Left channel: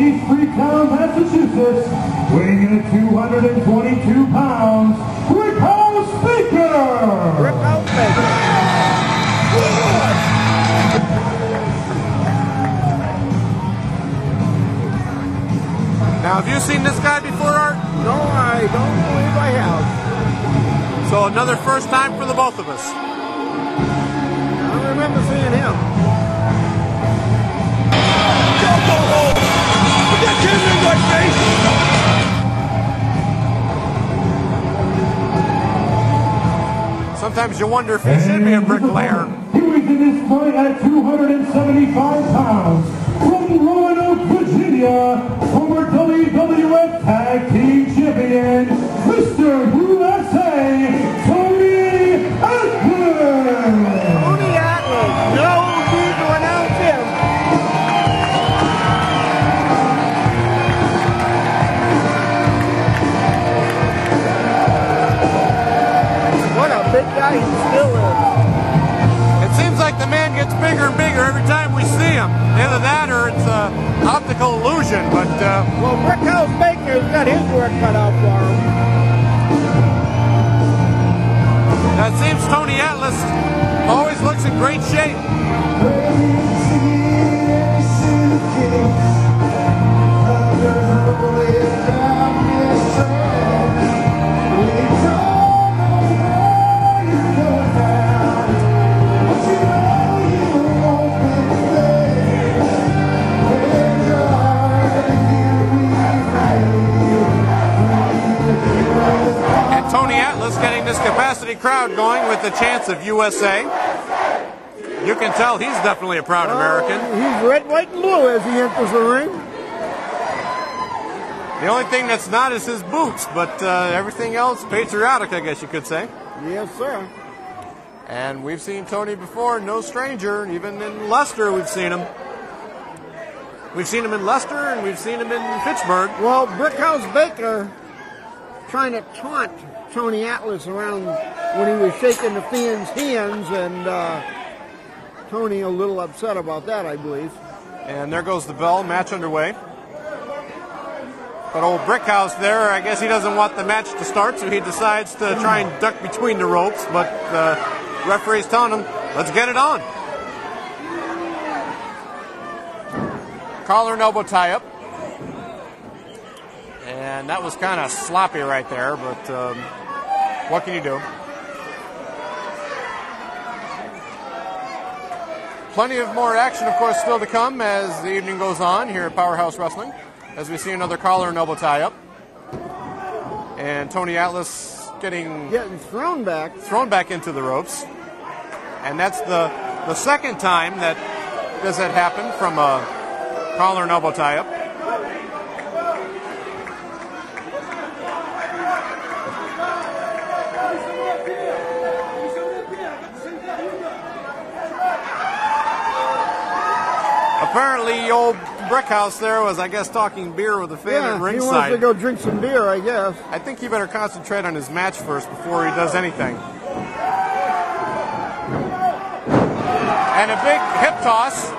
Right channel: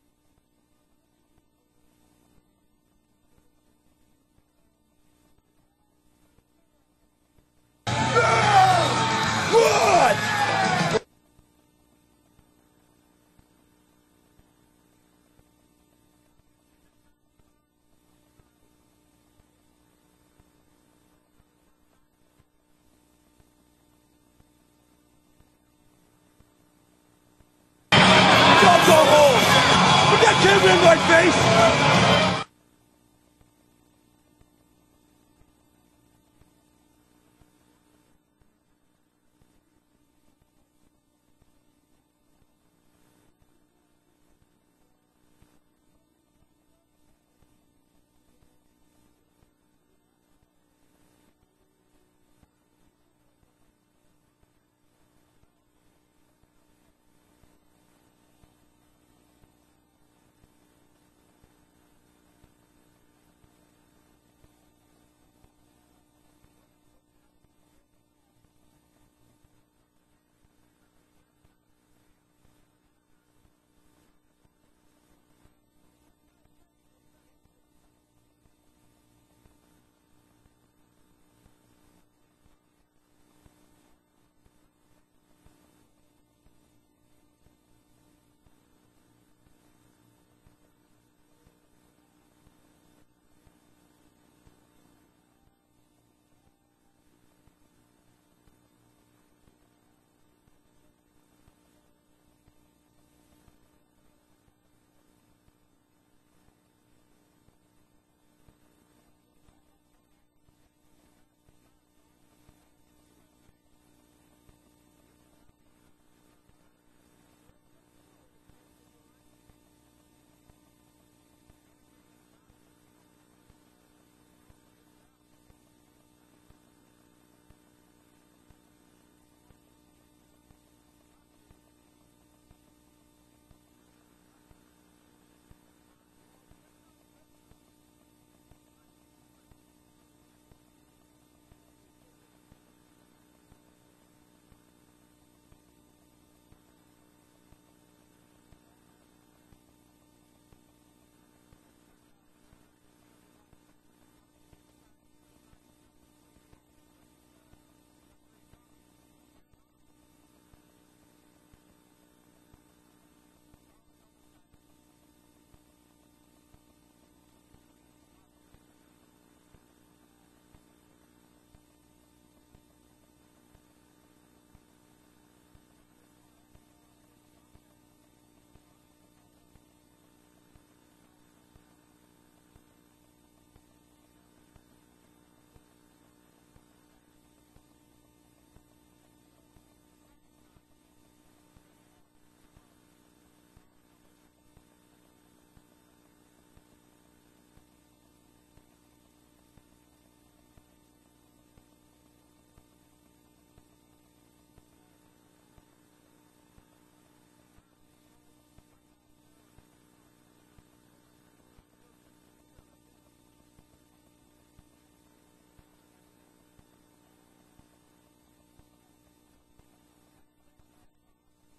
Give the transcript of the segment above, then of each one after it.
East Freetown, Massachusetts, weighing in at 222 pounds, Brickhouse Baker! Brickhouse Baker. Good! Now, have you seen this guy before, Art? No, I don't believe I have. So another first time for the both of us. I don't remember seeing him. Don't go home! Put that camera in my face! Sometimes you wonder if he should be a bricklayer. He weighs in this fight at 275 pounds. From Roanoke, Virginia, former WWF Tag Team Champion, Mr. USA, Tony Atlas! Tony Atlas. No need to announce him. What a big guy he still is. It seems like the man gets bigger and bigger every time we see him. Either that or it's an optical illusion, but... Well, Brickhouse Baker's got his work cut out for him. It seems Tony Atlas always looks in great shape. Getting this capacity crowd going with the chants of USA. You can tell he's definitely a proud American. He's red, white, and blue as he enters the ring. The only thing that's not is his boots, but everything else patriotic, I guess you could say. Yes, sir. And we've seen Tony before, no stranger. Even in Leicester, we've seen him. We've seen him in Leicester, and we've seen him in Pittsburgh. Well, Brickhouse Baker trying to taunt Tony Atlas around when he was shaking the fans' hands, and Tony a little upset about that, I believe. And there goes the bell, match underway. But old Brickhouse there, I guess he doesn't want the match to start, so he decides to try and duck between the ropes, but the referee's telling him, let's get it on. Collar and elbow tie-up. And that was kind of sloppy right there, but what can you do? Plenty of more action, of course, still to come as the evening goes on here at Powerhouse Wrestling, as we see another collar and elbow tie-up. And Tony Atlas getting thrown back into the ropes. And that's the second time that this had happened from a collar and elbow tie-up. Apparently, old Brickhouse there was, I guess, talking beer with a fan at ringside. He wants to go drink some beer, I guess. I think he better concentrate on his match first before he does anything. And a big hip toss.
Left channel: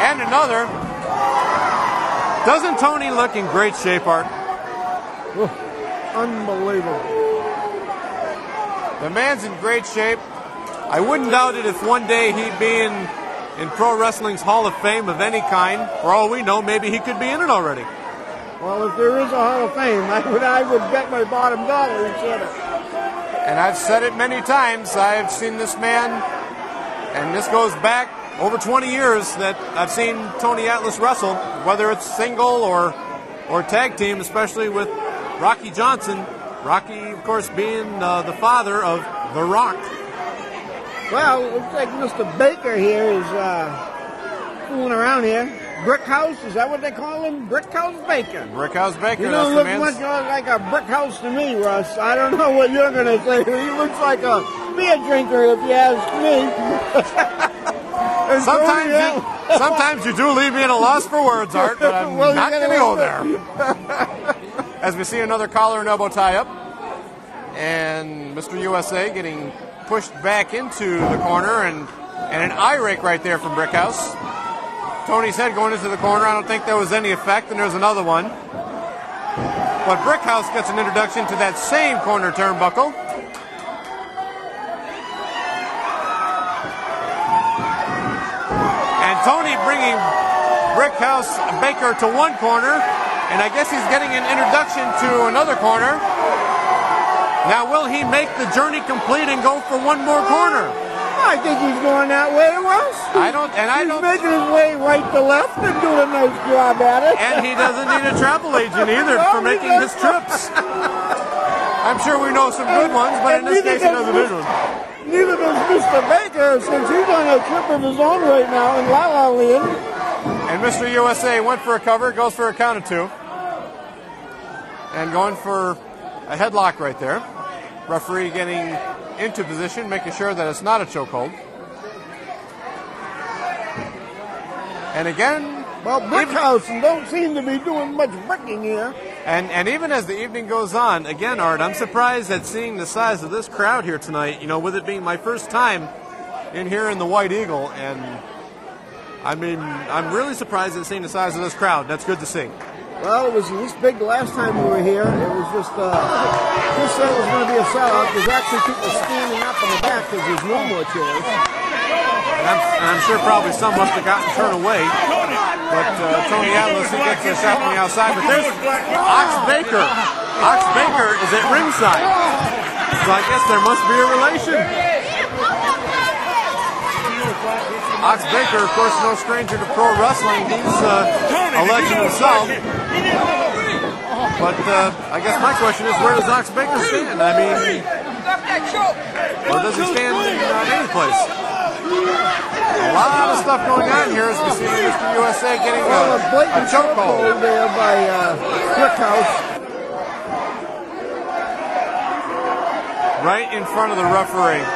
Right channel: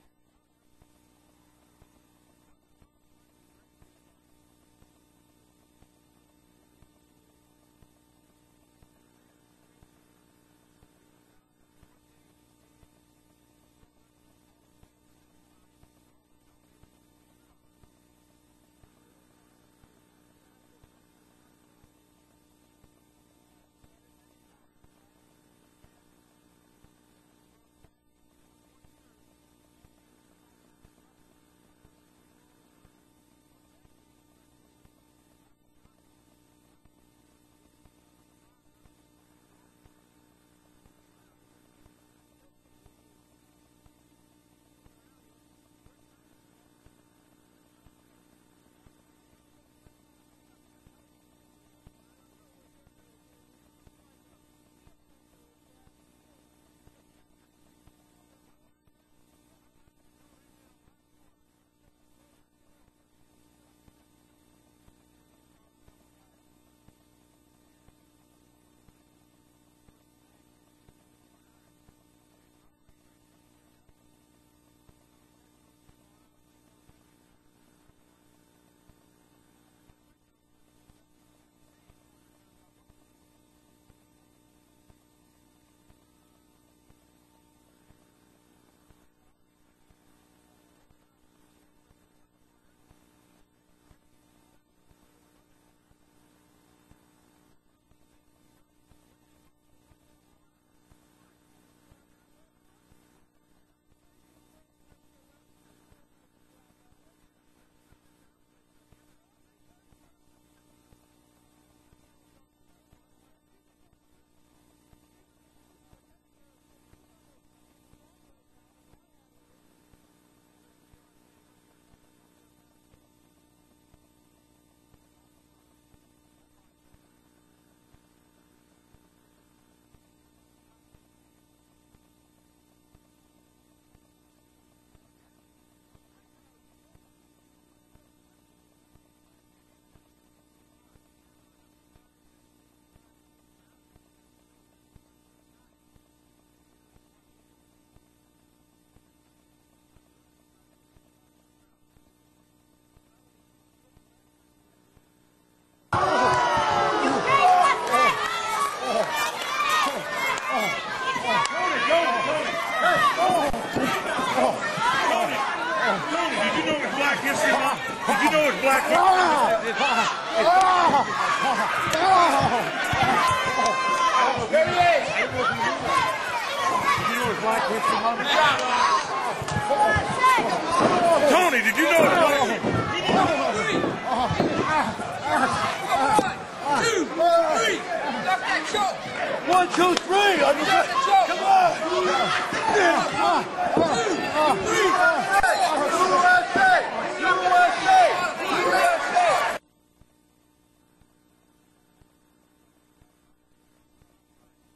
And another. Doesn't Tony look in great shape, Art? Oh, unbelievable. The man's in great shape. I wouldn't doubt it if one day he'd be in Pro Wrestling's Hall of Fame of any kind. For all we know, maybe he could be in it already. Well, if there is a Hall of Fame, I would bet my bottom dollar he's in it. And I've said it many times. I've seen this man, and this goes back over 20 years that I've seen Tony Atlas wrestle, whether it's single or tag team, especially with Rocky Johnson. Rocky, of course, being the father of The Rock. Well, it looks like Mr. Baker here is fooling around here. Brickhouse, is that what they call him? Brickhouse Baker. Brickhouse Baker. You don't look much like a brick house to me, Russ. I don't know what you're going to say. He looks like a beer drinker, if you ask me. Sometimes you do leave me at a loss for words, Art, but I'm not going to go there. As we see another collar and elbow tie-up. And Mr. USA getting pushed back into the corner, and an eye rake right there from Brickhouse. Tony's head going into the corner. I don't think there was any effect, and there's another one. But Brickhouse gets an introduction to that same corner turnbuckle. And Tony bringing Brickhouse Baker to one corner, and I guess he's getting an introduction to another corner. Now, will he make the journey complete and go for one more corner? I think he's going that way, Russ. He's making his way right to left and doing a nice job at it. And he doesn't need a travel agent either for making his trips. I'm sure we know some good ones, but in this case he doesn't need one. Neither does Mr. Baker, since he's on a trip of his own right now in La La Land. And Mr. USA went for a cover, goes for a count of 2. And going for a headlock right there. Referee getting into position, making sure that it's not a chokehold. And again, well, Brickhouse don't seem to be doing much bricking here. And even as the evening goes on, again, Art, I'm surprised at seeing the size of this crowd here tonight, you know, with it being my first time in here in the White Eagle. And, I mean, I'm really surprised at seeing the size of this crowd. That's good to see. Well, it was this big the last time we were here. It was just, this thing was going to be a sellout. There's actually people standing up in the back because there's no more chairs. I'm sure probably some must have gotten thrown away. But Tony Atlas gets this out on the outside. Ox Baker is at ringside. So I guess there must be a relation. Ox Baker, of course, no stranger to pro wrestling. He's Tony, did you know himself. But I guess my question is, where does Ox Baker stand? I mean, where does he stand in the first place? A lot of stuff going on here as we see Mr. USA getting a chokehold over there by Brickhouse. Right in front of the referee.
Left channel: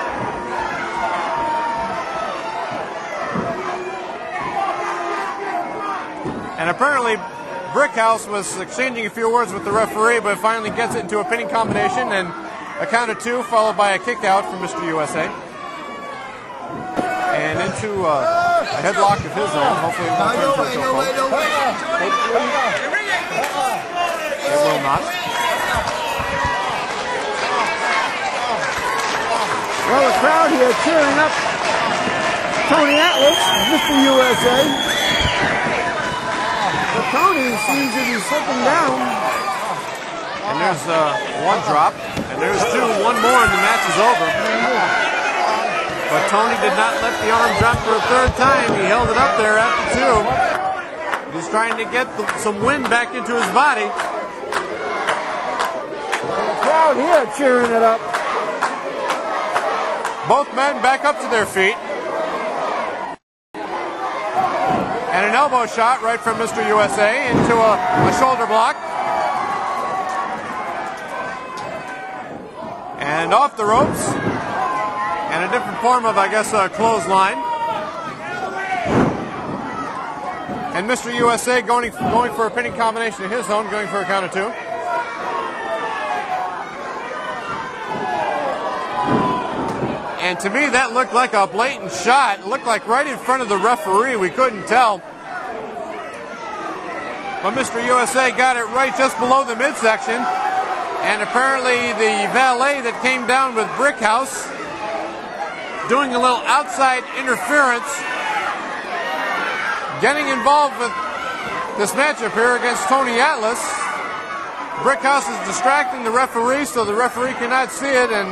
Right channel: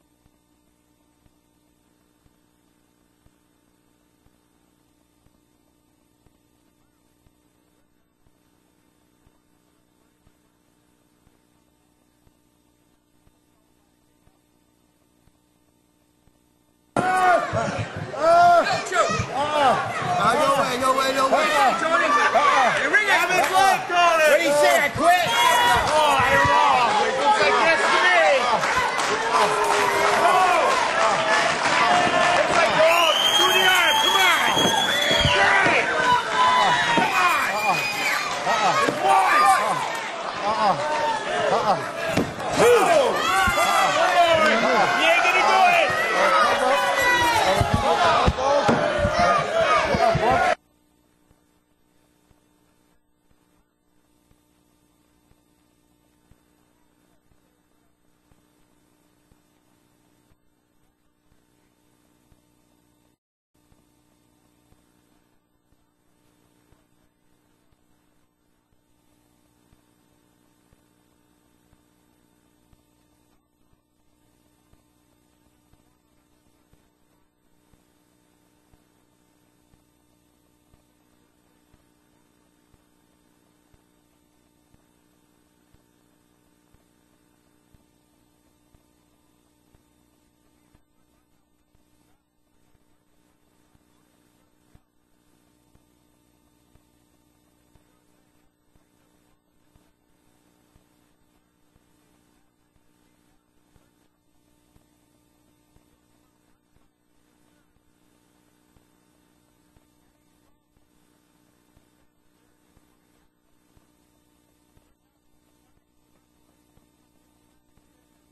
And apparently, Brickhouse was exchanging a few words with the referee, but finally gets it into a pinning combination and a count of 2, followed by a kick out from Mr. USA. And into a headlock of his own. Hopefully, no way. Tony, you ring it. Ready, set, quick. Well, the crowd here cheering up Tony Atlas, Mr. USA. Tony seems to be slipping down. And there's one drop, and there's 2. One more, and the match is over. But Tony did not let the arm drop for a third time. He held it up there after 2. He's trying to get some wind back into his body. The crowd here cheering it up. Both men back up to their feet. And an elbow shot right from Mr. USA into a shoulder block. And off the ropes. And a different form of, I guess, a clothesline. And Mr. USA going for a pinning combination of his own, going for a count of 2. And to me, that looked like a blatant shot. It looked like right in front of the referee. We couldn't tell. But Mr. USA got it right just below the midsection. And apparently the valet that came down with Brickhouse doing a little outside interference, getting involved with this matchup here against Tony Atlas. Brickhouse is distracting the referee so the referee cannot see it, and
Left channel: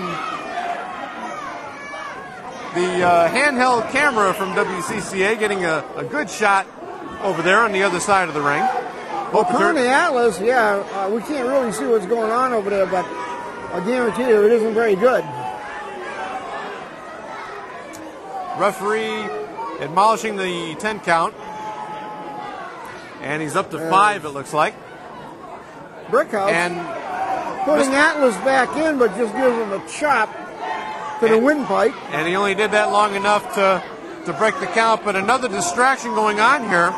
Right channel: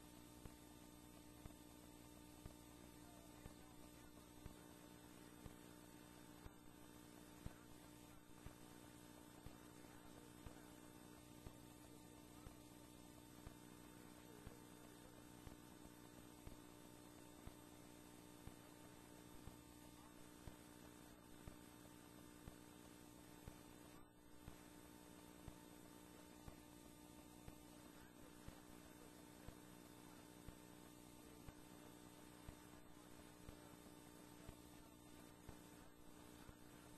the handheld camera from WCCA getting a good shot over there on the other side of the ring. Well, Tony Atlas, yeah, we can't really see what's going on over there, but I guarantee you it isn't very good. Referee admonishing the 10 count. And he's up to 5, it looks like. Brickhouse And putting Atlas back in, but just gives him a chop to the windpipe. And he only did that long enough to break the count. But another distraction going on here.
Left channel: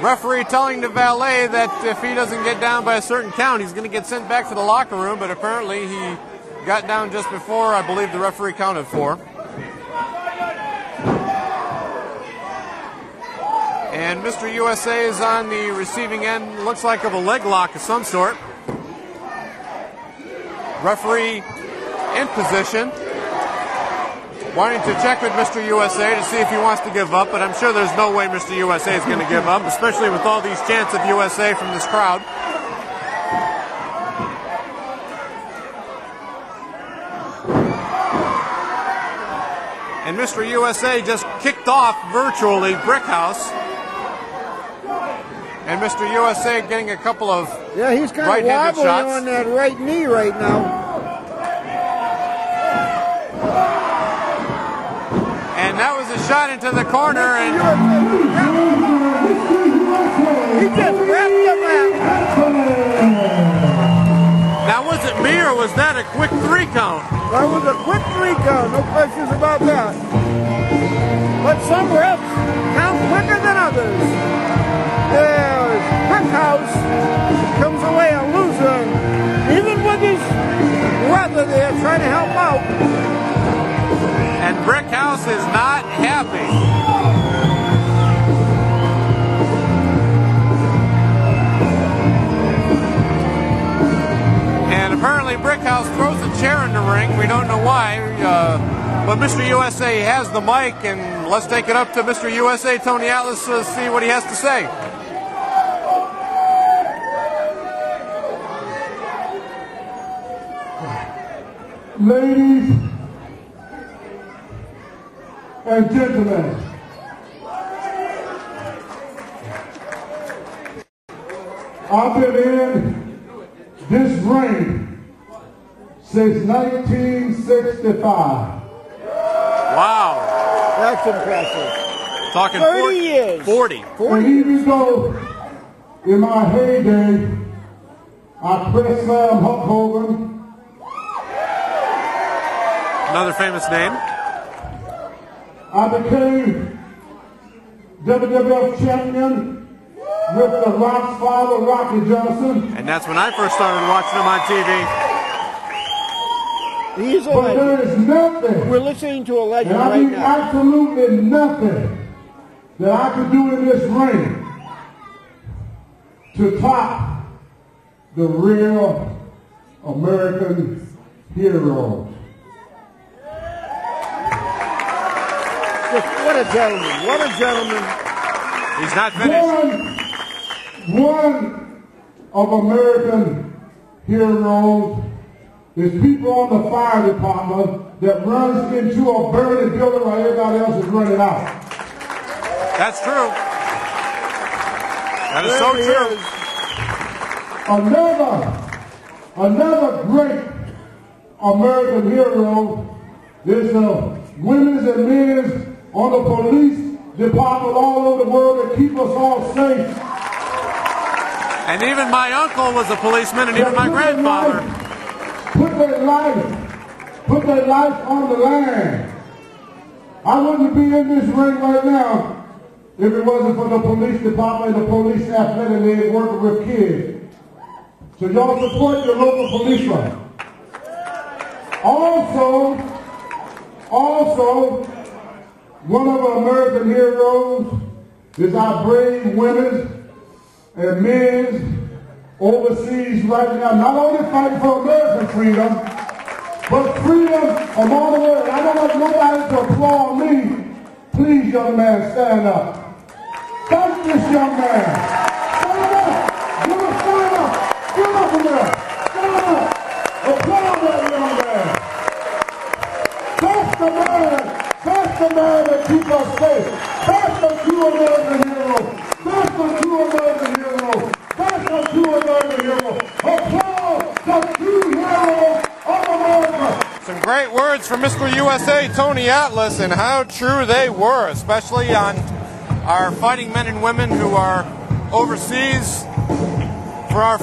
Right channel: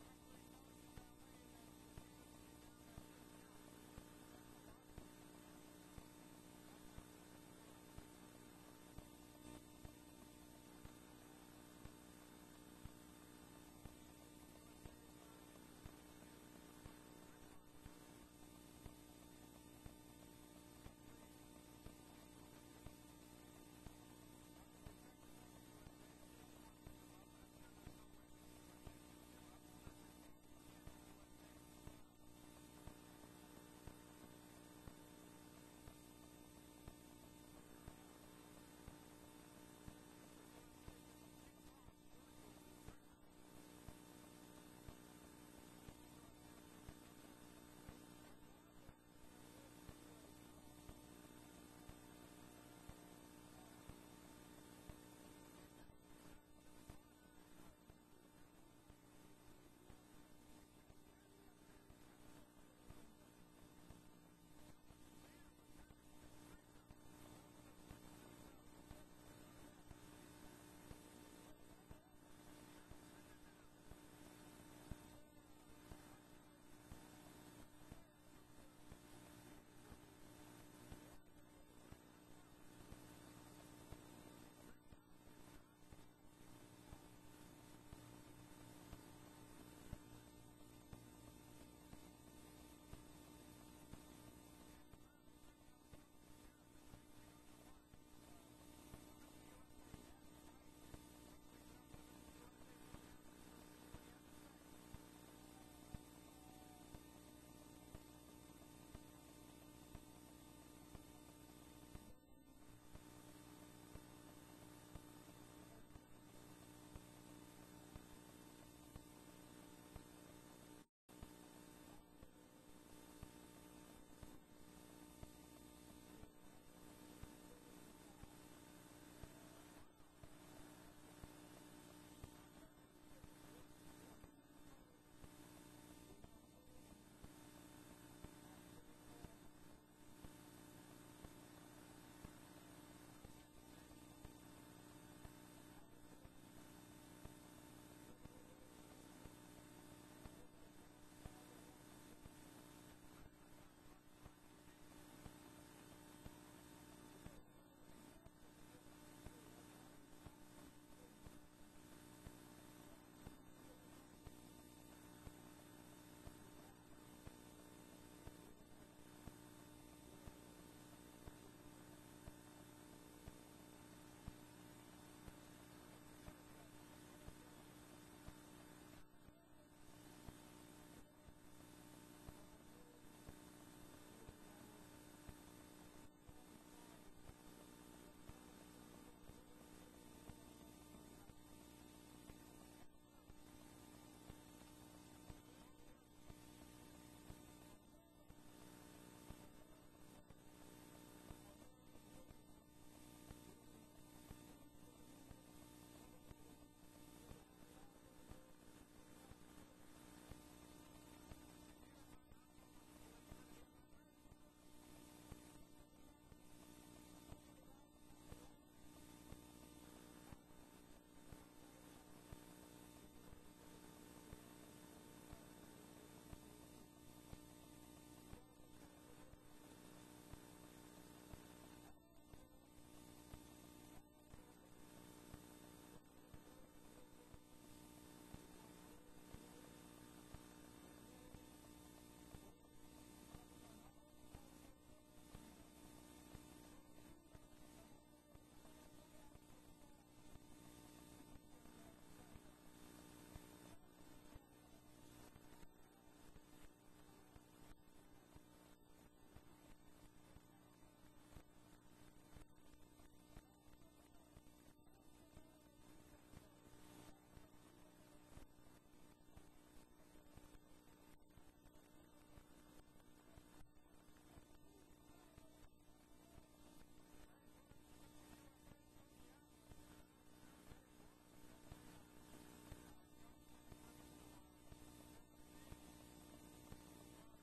Referee telling the valet that if he doesn't get down by a certain count, he's going to get sent back to the locker room. But apparently he got down just before, I believe, the referee counted 4. And Mr. USA is on the receiving end, looks like of a leg lock of some sort. Referee in position, wanting to check with Mr. USA to see if he wants to give up, but I'm sure there's no way Mr. USA is going to give up, especially with all these chants of USA from this crowd. And Mr. USA just kicked off virtually Brickhouse. And Mr. USA getting a couple of he's kind of wobbly on that right knee right now. And that was a shot into the corner, and he just wrapped him up. now was it me or was that a quick 3 count? That was a quick 3 count, no questions about that. But some refs count quicker than others. Brickhouse comes away a loser, even with his brother there trying to help out. And Brickhouse is not happy. And apparently Brickhouse throws a chair in the ring. We don't know why. But Mr. USA has the mic, and let's take it up to Mr. USA, Tony Atlas, to see what he has to say. Ladies and gentlemen, I've been in this ring since 1965. Wow. That's impressive. Talking 30 years. 40. And even though in my heyday I press slam Hulk Hogan, Another famous name. I became WWF champion with the Rock's father, Rocky Johnson. And that's when I first started watching him on TV. He's a But legend. there is nothing, We're listening to a legend and I right mean now. absolutely nothing, that I could do in this ring to top the real American hero. What a gentleman. What a gentleman. He's not finished. One of American heroes is people on the fire department that runs into a burning building while everybody else is running out. That's true. That is so There he true. is. Another great American hero is the women's and men's on the police department all over the world that keep us all safe. And even my uncle was a policeman, and even my grandfather. Put their life on the line. I wouldn't be in this ring right now if it wasn't for the police department and the police staff that they working with kids. So y'all support your local policeman. Also, one of our American heroes is our brave women and men overseas right now, not only fighting for American freedom, but freedom among the world. I don't want nobody to applaud me. Please, young man, stand up. Thank this young man. Stand up. Give him a stand up. Give him up from there. Stand up. Applaud that young man. That's the man. That's the man that keeps us safe. That's the true American hero. That's the true American hero. That's the true American hero. Applaud the true hero of America. Some great words from Mr. USA, Tony Atlas, and how true they were, especially on our fighting men and women who are overseas for our